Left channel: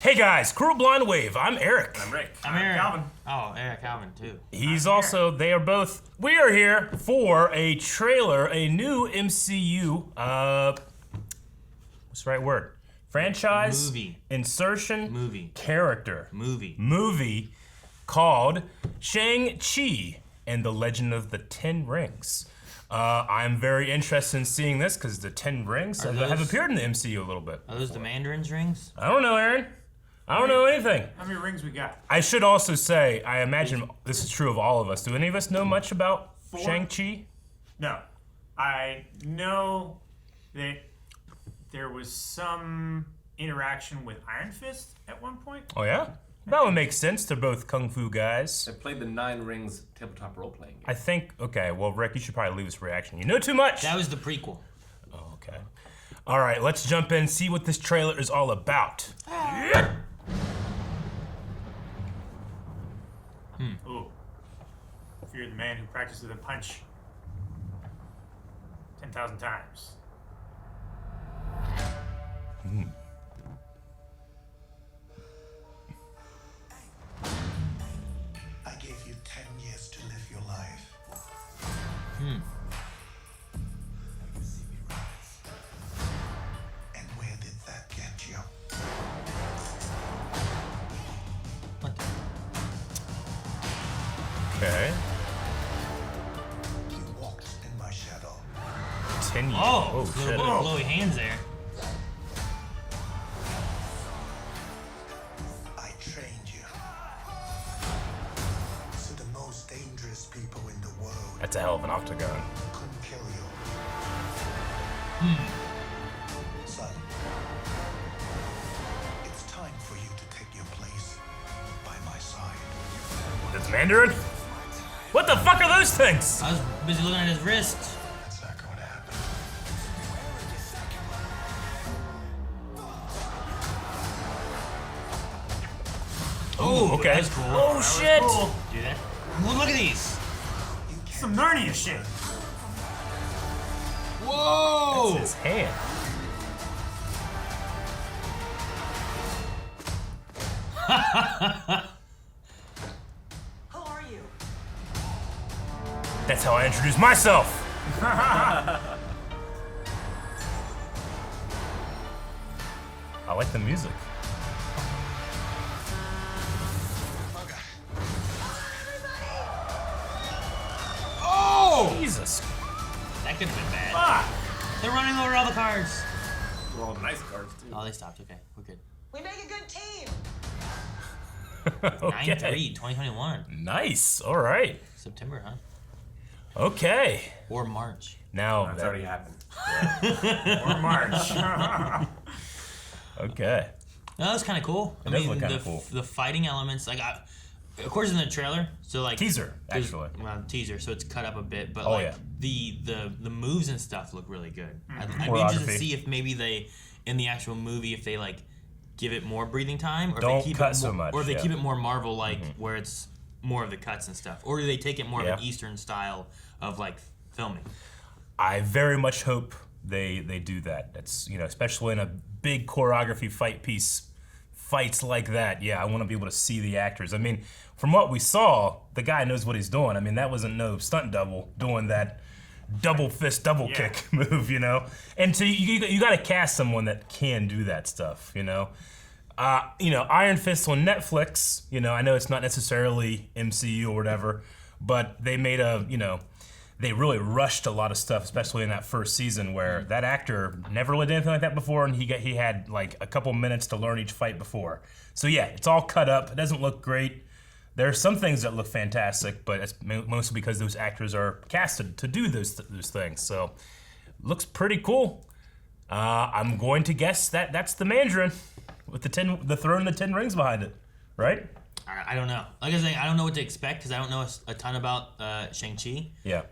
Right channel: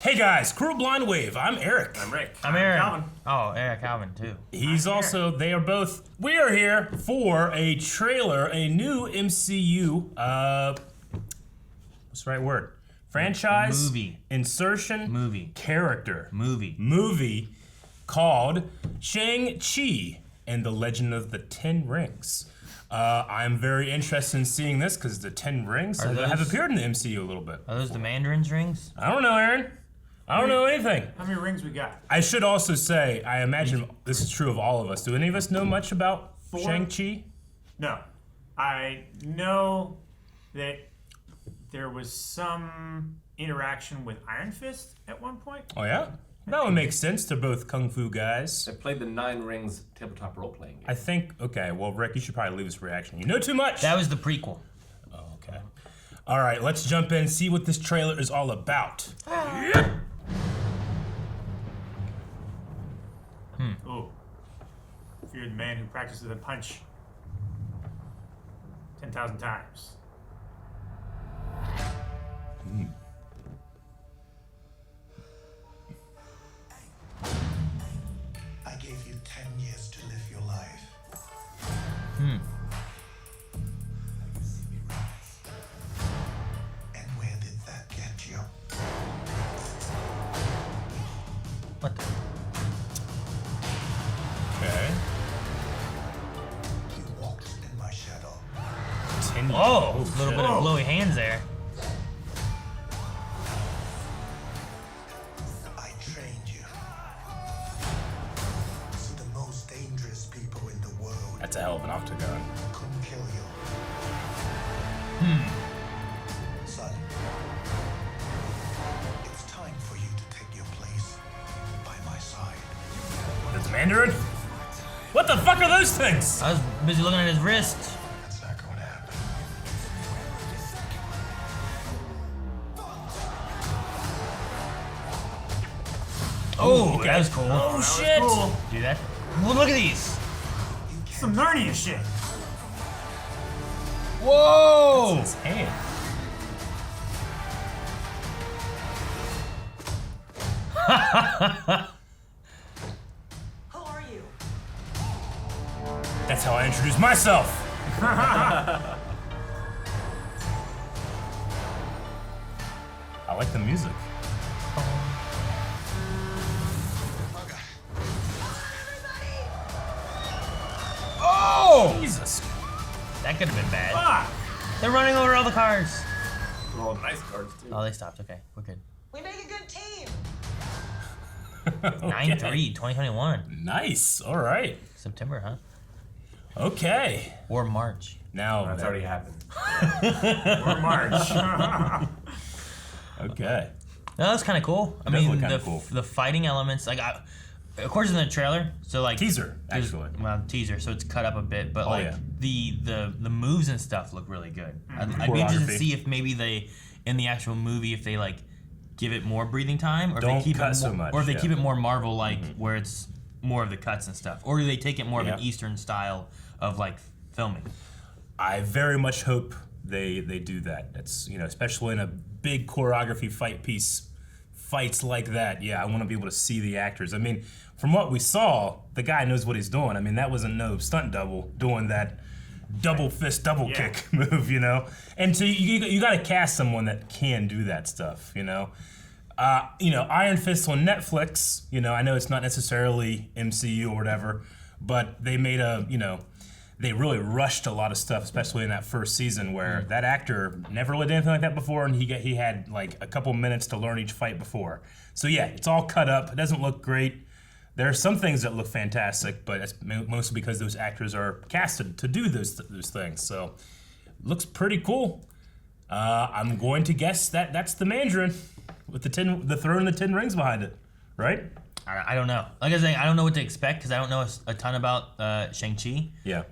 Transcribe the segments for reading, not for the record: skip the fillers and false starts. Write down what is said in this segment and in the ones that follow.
Hey guys, Crew Blind Wave. I'm Eric. I'm Rick. I'm Aaron. Calvin. Oh, Eric Calvin too. He's also, they are both, we are here for a trailer, a new MCU, what's the right word? Franchise? Movie. Insertion? Movie. Character. Movie. Called Shang-Chi and the Legend of the Ten Rings. I'm very interested in seeing this because the Ten Rings have appeared in the MCU a little bit. Are those the Mandarin's rings? I don't know, Aaron. I don't know anything. How many rings we got? I should also say, I imagine this is true of all of us. Do any of us know much about 4? Shang-Chi? No. I know that there was some interaction with Iron Fist at one point. Oh yeah? That would make sense. They're both kung fu guys. I played the 9 Rings tabletop role-playing game. I think, okay, well, Rick, you should probably leave this reaction. You know too much! That was the prequel. Oh, okay. All right, let's jump in, see what this trailer is all about. Ooh. Fear the man who practices a punch 10,000 times. I gave you 10 years to live your life. And where did that get you? What the? Okay. You walked in my shadow. 10 years. Oh, a shit. little bit of glowy hands there. I trained you. So the most dangerous people in the world That's a hell of an octagon. couldn't kill you. Son, it's time for you to take your place by my side. That's Mandarin? What the fuck are those things? I was busy looking at his wrist. That's not going to happen. Oh, Okay. that's cool. Oh shit! Cool. Do that. Look at these. You can't. Some Narnia shit. Whoa! His hand. Who are you? That's how I introduce myself. I like the music. Oh! Jesus. That could have been bad. Ah! They're running over all the cars. They're all nice cards, too. Oh, they stopped. Okay, we're good. We make a good team. 9/3, 2021. Nice. All right. September, huh? Okay. Or March. Now. That's already happened. Or March. Okay. No, that's kind of cool. I Does mean, look kinda the, cool. the fighting elements, like, of course, in the trailer. So like Teaser, there's- actually. Well, teaser, so it's cut up a bit, but Oh, like yeah. the moves and stuff look really good. I'd be Choreography. interested to see if maybe they, in the actual movie, if they like give it more breathing time, or if Don't they keep cut it so more, much, or if they yeah. keep it more Marvel like, where it's more of the cuts and stuff, or do they take it more of an Yeah. Eastern style of like filming? I very much hope they do that. It's, you know, especially in a big choreography fights like that. Yeah, I want to be able to see the actors. I mean, from what we saw, the guy knows what he's doing. I mean, that wasn't no stunt double doing that double fist double kick move, you know. And so you got to cast someone that can do that stuff, you know. Iron Fist on Netflix. You know, I know it's not necessarily MCU or whatever, but they made they really rushed a lot of stuff, especially in that first season where that actor never really did anything like that before, and he had like a couple minutes to learn each fight before. So yeah, it's all cut up. It doesn't look great. There are some things that look fantastic, but it's mostly because those actors are casted to do those things. So looks pretty cool. I'm going to guess that that's the Mandarin with the throne and the 10 rings behind it, right? I don't know. Like I was saying, I don't know what to expect because I don't know a ton about Shang-Chi. Yeah.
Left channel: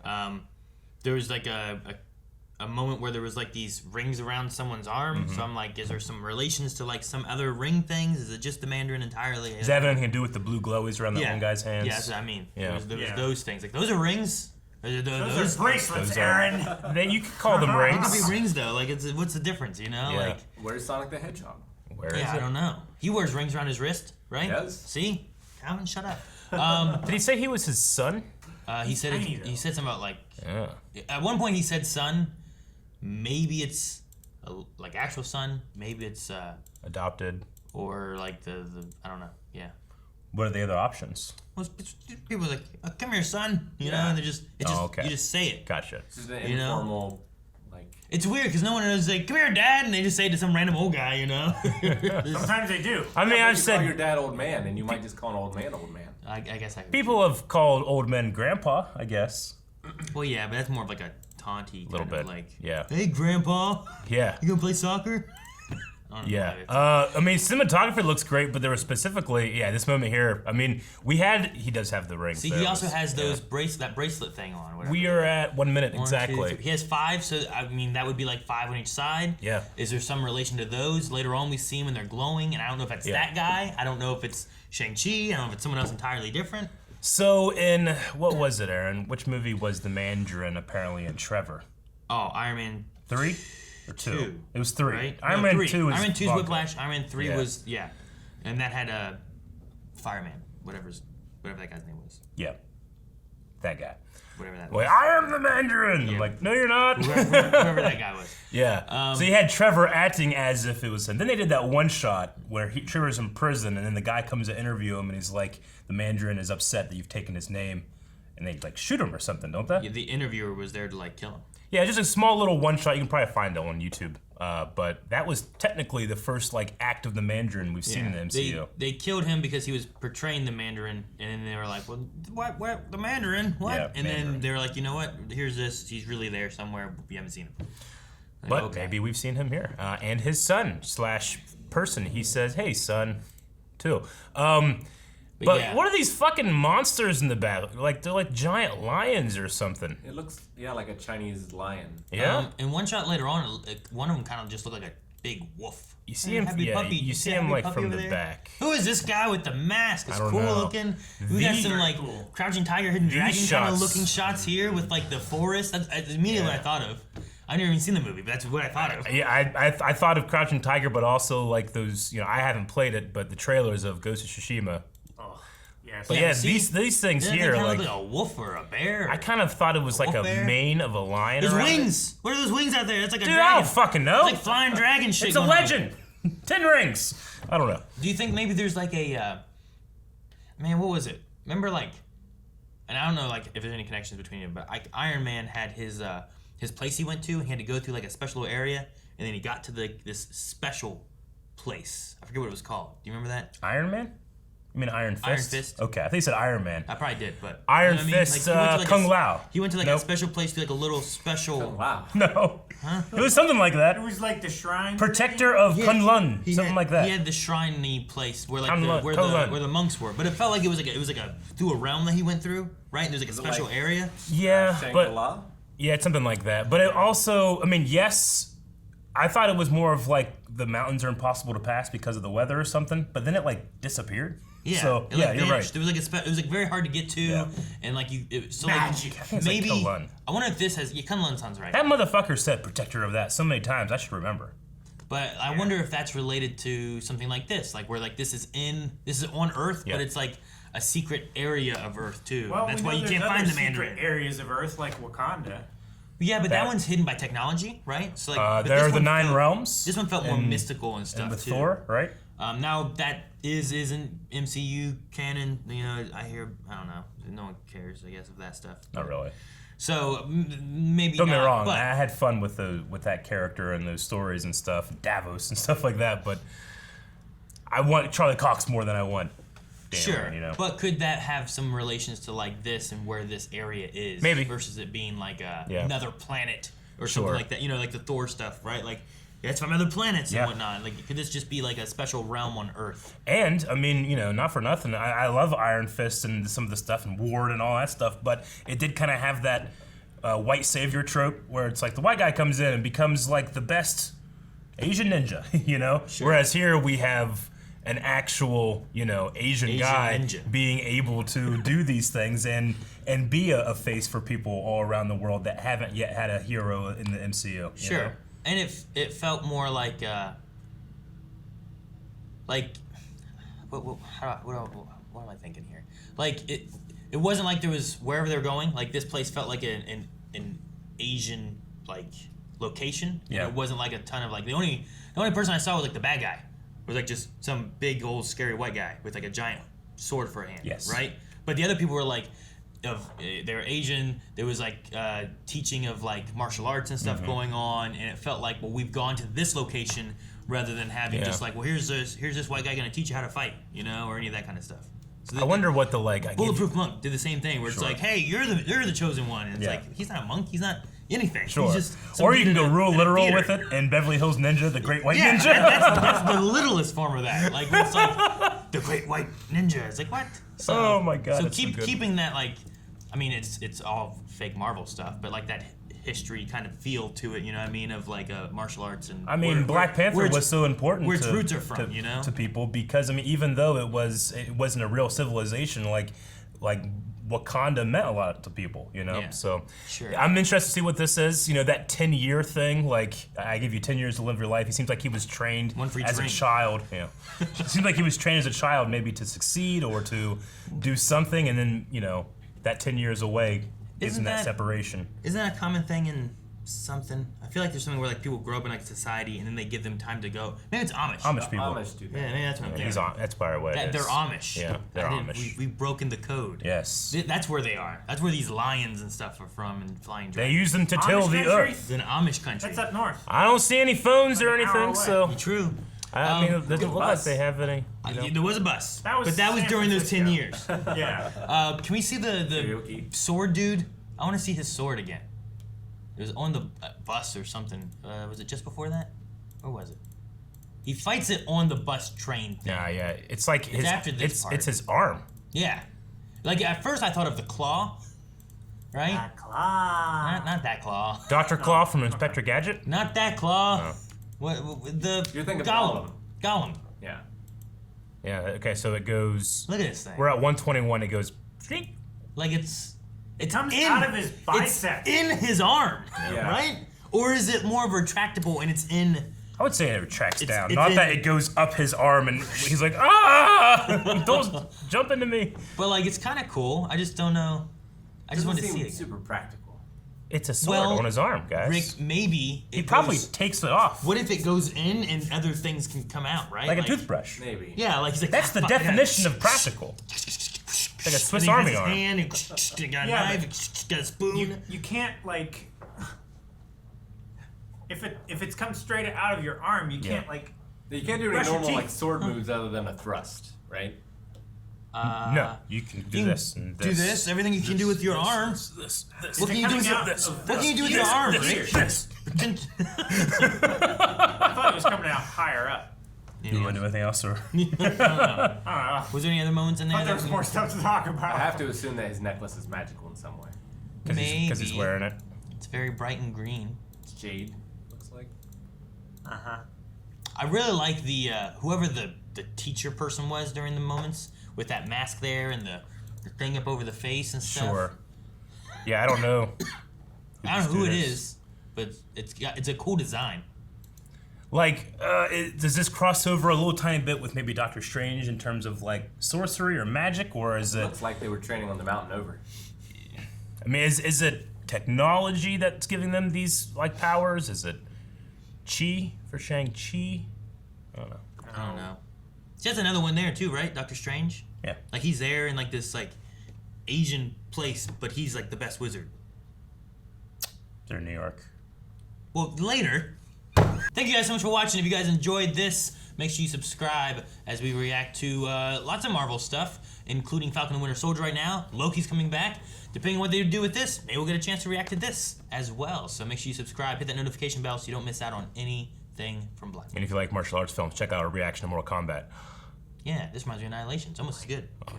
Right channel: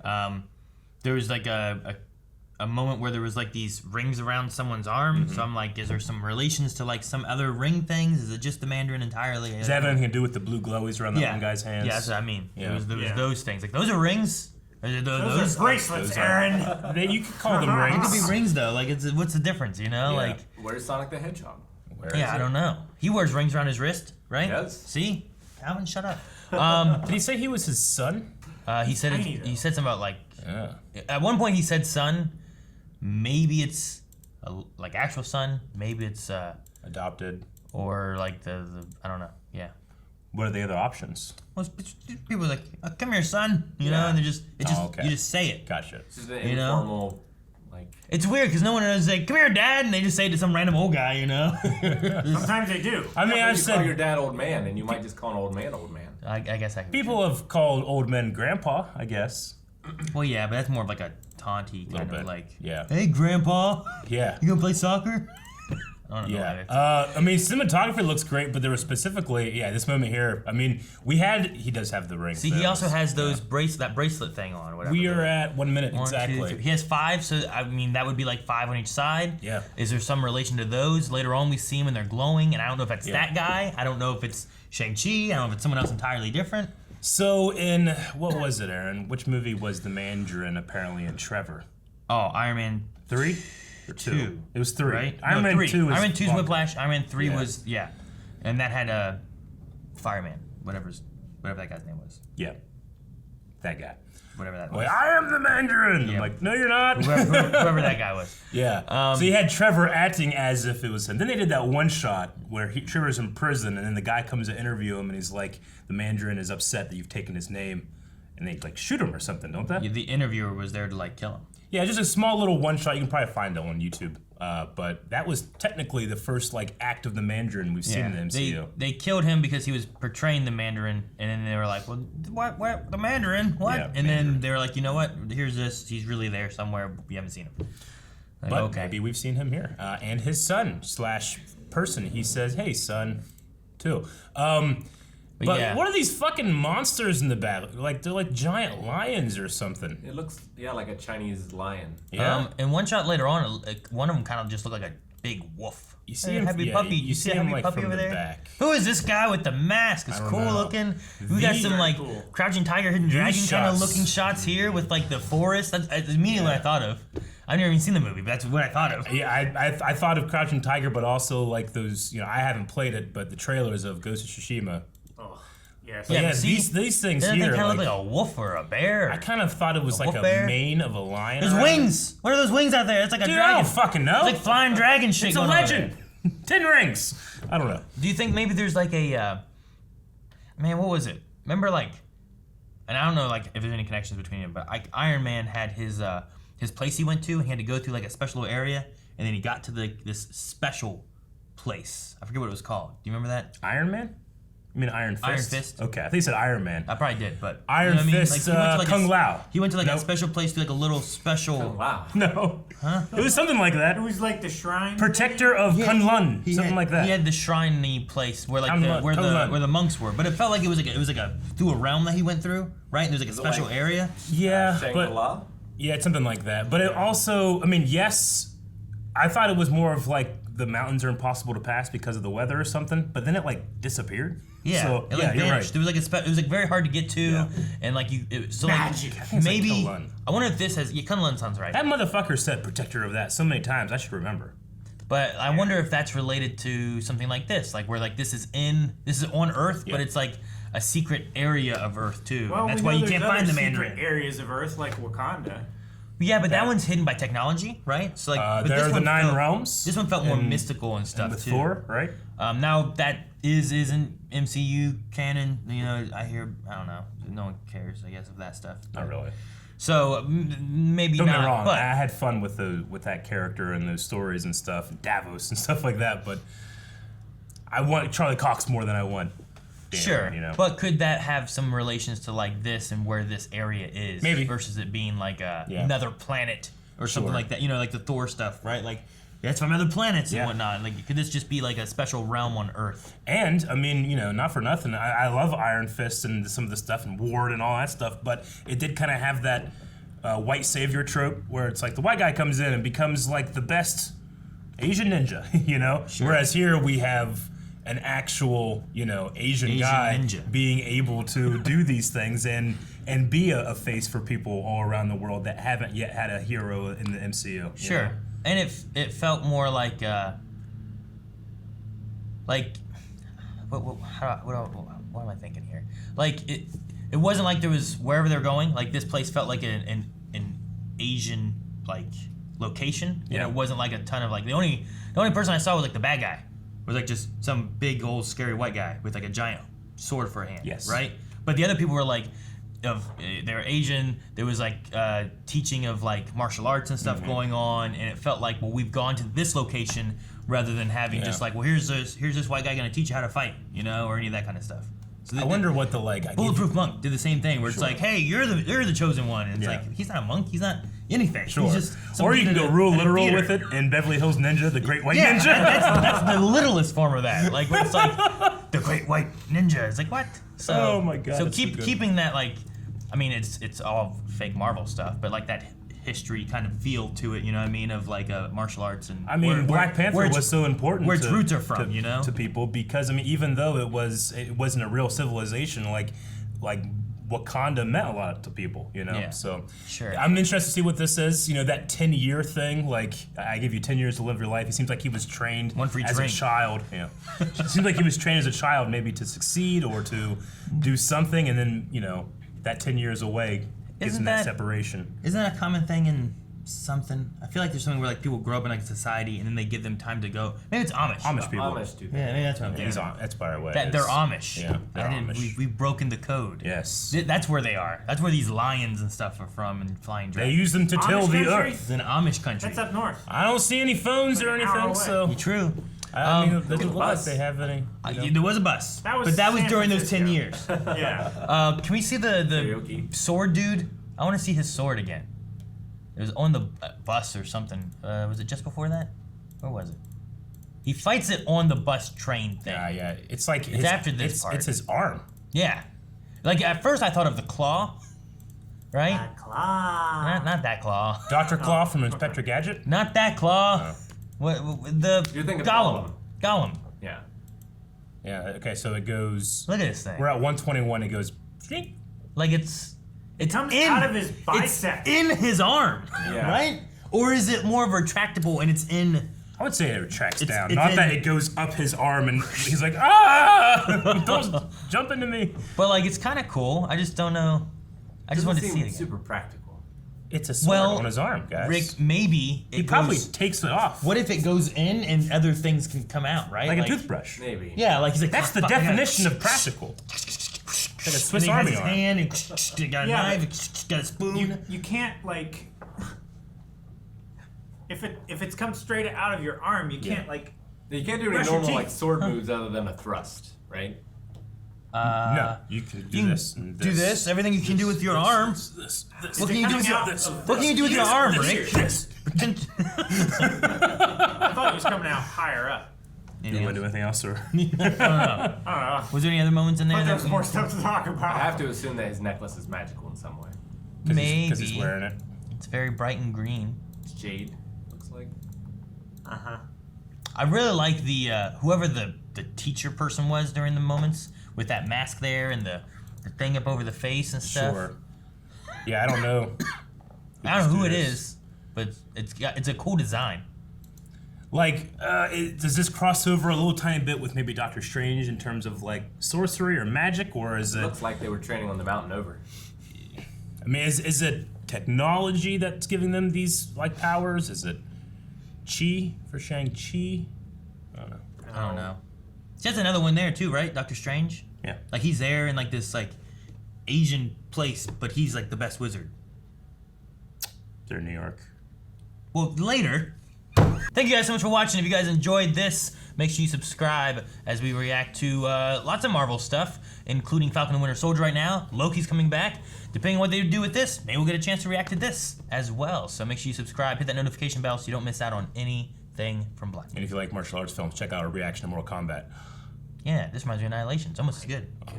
There was like a moment where there was like these rings around someone's arm. So I'm like, is there some relations to like some other ring things? Is it just the Mandarin entirely? Does that have anything to do with the blue glowies around that one guy's hands? Yeah, that's what I mean. Yeah. There was Yeah. those things. Like, those are rings? Those are bracelets, those are- Aaron. You could call them They could rings. be rings though. Like, what's the difference? You know, Yeah. like Where's Sonic the Hedgehog? Where is Yeah, I it? don't know. He wears rings around his wrist, right? He does. See? Alvin, shut up. Did he say he was his son? He said tiny, he though. said something about like Yeah. at one point he said son. Maybe it's like actual son. Maybe it's Adopted. or like the I don't know. Yeah. What are the other options? Well, people are like, "Come here, son," you know, Yeah. and they just okay. you just say it. Gotcha. This is an You know? informal, like. It's weird because no one knows like, "Come here, dad," and they just say it to some random old guy, you know. Sometimes they do. I mean, Yeah, I've you call your said dad old man, and you might just call an old man. I guess I can. people have called old men grandpa, I guess. Well, yeah, but that's more of like a taunty Little kind bit. of like, Yeah. "Hey, grandpa, Yeah. you gonna play soccer?" I don't know Yeah. why it's- I mean, cinematography looks great, but there was specifically, this moment here. I mean, he does have the ring. See, he also has those that bracelet thing on. Whatever. We are at 1 minute, 1, 2, exactly. 3. He has 5, so I mean that would be like 5 on each side. Yeah. Is there some relation to those? Later on, we see them and they're glowing, and I don't know if that's Yeah. that guy. I don't know if it's Shang-Chi. I don't know if it's someone else entirely different. So in, what was it, Aaron? Which movie was the Mandarin apparently in Trevor? Oh, Iron Man 3 or 2? 2. It was 3. Right? Iron No, Man 3. 2 is Iron Man 2 is Buck. Whiplash. Iron Man 3 Yeah. was and that had Fireman, whatever that guy's name was, Yeah. That guy. whatever that Like, was. I am the Mandarin! I'm Yeah. like, no, you're not. Whoever that guy was. Yeah. So you had Trevor acting as if it was him. Then they did that one shot where Trevor's in prison, and then the guy comes to interview him, and he's like, the Mandarin is upset that you've taken his name, and they like shoot him or something, don't they? Yeah, the interviewer was there to like kill him. Yeah, just a small little one shot. You can probably find it on YouTube. But that was technically the first like act of the Mandarin we've seen in the MCU. They killed him because he was portraying the Mandarin, and then they were like, "Well, what the Mandarin? What?" Yeah, and Mandarin. then they were like, "You know what? Here's this. He's really there somewhere. We haven't seen him." Like, But maybe we've seen him here. And his son / person. He says, "Hey, son," too. But yeah. what are these fucking monsters in the back? Like they're like giant lions or something. It looks, like a Chinese lion. Yeah. And one shot later on, one of them kind of just looked like a big wolf. You see Hey, him, happy yeah, puppy. you see a him happy like puppy from over the there? back. Who is this guy with the mask? It's I don't cool know. looking. We got some These like are cool. Crouching Tiger, Hidden Dragon kind of shots. looking shots here with like the forest. That's immediately what I thought of. I've never even seen the movie, but that's what I thought of. Yeah, I thought of Crouching Tiger, but also like those. I haven't played it, but the trailers of Ghost of Tsushima. Oh, yes. But Yeah, yeah, but see, these things Doesn't here, it kind of like, look like a wolf or a bear? I kind of thought it was like wolf a bear? mane of a lion. There's around it. wings. What are those wings out there? It's like a Dude, dragon. I don't fucking know. It's like flying dragon shit. It's a going on over legend. 10 rings. I don't know. Do you think maybe there's like a man? What was it? Remember like, and I don't know like if there's any connections between it, but like Iron Man had his place he went to, and he had to go through like a special area, and then he got to this special place. I forget what it was called. Do you remember that? Iron Man? You mean Iron Fist? Iron Fist. Okay, I think you said Iron Man. I probably did, but Iron you know what I mean? Fist, Like, he went to, like, Kung Lao. He went to like a Nope. special place to like a little special. Oh, wow. No. Huh? It was something like that. It was like the shrine. Protector of Kunlun. He Something had, like that. He had the shrine-y place where like Kunlun, where Kunlun. the monks were, but it felt like it was like a through a realm that he went through, right? And there's like a Is it special like- area. Yeah, but Shangri-La? yeah, it's something like that. But it also, I mean, yes, I thought it was more of like the mountains are impossible to pass because of the weather or something. But then it like disappeared. Yeah, So it, like, yeah, you're right. vanished. There was like it was like very hard to get to, Yeah. and like so Magic. like think it's like maybe Kunlun. I wonder if this has Kunlun sounds right, That motherfucker said protector of that so many times. I should remember. but I wonder if that's related to something like this, like where like this is on Earth, Yeah. but it's like a secret area of Earth too. Well, and that's we why know you can't there's find the other secret Mandarin. areas of Earth like Wakanda. Yeah, but that That- one's hidden by technology, right? So like, but There this are the one 9 felt- realms. This one felt more mystical and stuff with too. Thor, right? Now that isn't MCU canon. You know, I don't know. No one cares, I guess, of that stuff. Not really. So maybe Don't not. get me wrong. But I had fun with that character and those stories and stuff, Davos and stuff like that. But I want Charlie Cox more than I want. Dan, sure. You know. But could that have some relations to like this and where this area is? Maybe. Versus it being like Yeah. another planet or something Sure. like that. You know, like the Thor stuff, right? Like that's from other planets Yeah. and whatnot. Like could this just be like a special realm on Earth? And I mean, not for nothing. I love Iron Fist and some of the stuff and Ward and all that stuff. But it did kind of have that white savior trope where it's like the white guy comes in and becomes like the best Asian ninja. Sure. Whereas here we have an actual, Asian guy ninja. being able to do these things and be a face for people all around the world that haven't yet had a hero in the MCU. you Sure. know? And it felt more like like, what am I thinking here? Like it wasn't like there was wherever they're going. Like this place felt like an Asian like location. Yeah. It wasn't like a ton of like the only person I saw was like the bad guy. Was like just some big old scary white guy with like a giant sword for a hand. Yes. Right. But the other people were like, they're Asian. There was like teaching of like martial arts and stuff going on, and it felt like, well, we've gone to this location rather than having just like, well, here's this white guy gonna teach you how to fight, or any of that kind of stuff. So I wonder what the Bulletproof Monk did the same thing, where it's like, hey, you're the chosen one, and it's like he's not a monk, he's not anything. Sure. He's just Or you can go real literal theater. with it in Beverly Hills Ninja, the Great White Ninja. That's the littlest form of that. Like when it's like the Great White Ninja. It's like what? So, Oh my God, So that's so good. keeping that like, I mean it's all fake Marvel stuff, but like that history kind of feel to it, you know what I mean, of like martial arts and. I mean, Black Panther was so important where its roots are from, to people, because I mean, even though it wasn't a real civilization, like Wakanda meant a lot to people, Yeah. So Sure. I'm interested to see what this is. That 10-year thing. Like, I give you 10 years to live your life. It seems like he was trained One for each as drink. a child. Yeah. It seems like he was trained as a child, maybe to succeed or to do something, and then that 10 years away isn't that separation. Isn't that a common thing in something? I feel like there's something where like people grow up in like society and then they give them time to go. Maybe it's Amish. Amish people. Amish do that. Yeah, maybe that's what I'm thinking. That's probably what it That is. they're Amish. Yeah, they're Amish. We've broken the code. Yes. That's where they are. That's where these lions and stuff are from, and flying They dragons. use them to till Amish the country? earth. It's an Amish country. That's up north. I don't see any phones or Like an hour anything, away. so True. I mean, it doesn't look like bus. they have any. There was a bus, That was but that was San during those 10 Francisco. years. Yeah. Can we see the Karaoke. sword dude? I want to see his sword again. It was on the bus or something. Was it just before that? Or was it? He fights it on the bus train thing. Yeah. It's like his, after this part. It's his arm. Yeah. Like at first I thought of the claw, right? That claw. Not that claw. Dr. Claw from Inspector Gadget. Not that claw. Oh. What the You're thinking Gollum. Gollum. Gollum. Yeah. Yeah. Okay. So it goes. Look at this thing. We're at 121. It goes. Like it comes out of his bicep. It's in his arm, Yeah. right? Or is it more retractable and it's in? I would say it retracts down. it's Not in- that it goes up his arm and he's like, ah! Don't jump into me. But like it's kind of cool. I just don't know. I just Doesn't want to see seem it. Again. super practical. It's a sword Well, on his arm, guys. Rick, maybe he it probably goes- takes it off. What if it goes in and other things can come out, right? Like a toothbrush. Maybe. Yeah, like he's like That's the "Fuck, I gotta-" definition of practical. Like a Swiss And he Army has his arm. hand, and he got a Yeah, knife, got a spoon. You can't like. If it's come straight out of your arm, you can't like. You can't do any Brush your normal teeth. like sword moves other than a thrust, right? No, you can do this and Do this. Everything you can do with your arm. This. What can you do with Coming your out of What can you do with your Yes, arm, the Rick? ears. This. I thought it was coming out higher up. You want to do anything else, or? I don't know. Was there any other moments in I there? thought there that was more stuff to talk about. I have to assume that his necklace is magical in some way. Because he's Maybe. wearing it. It's very bright and green. It's jade, looks like. I really like the whoever the teacher person was during the moments with that mask there and the thing up over the face and stuff. Sure. Yeah, I don't know. I don't know who it This. is, but it's a cool design. Like, does this cross over a little tiny bit with maybe Doctor Strange in terms of like sorcery or magic, or is it? Looks like they were training on the mountain over. I mean, is it technology that's giving them these like powers? Is it chi for Shang-Chi? I don't know. I don't know. See, that's another one there too, right? Doctor Strange. Yeah. Like he's there in like this like Asian place, but he's like the best wizard. They're in New York. Well, later. Thank you guys so much for watching. If you guys enjoyed this, make sure you subscribe as we react to lots of Marvel stuff, including Falcon and Winter Soldier right now. Loki's coming back. Depending on what they do with this, maybe we'll get a chance to react to this as well. So make sure you subscribe, hit that notification bell so you don't miss out on anything from Black. And if you like martial arts films, check out our reaction to Mortal Kombat. Yeah, this reminds me of Annihilation. It's almost as good. God.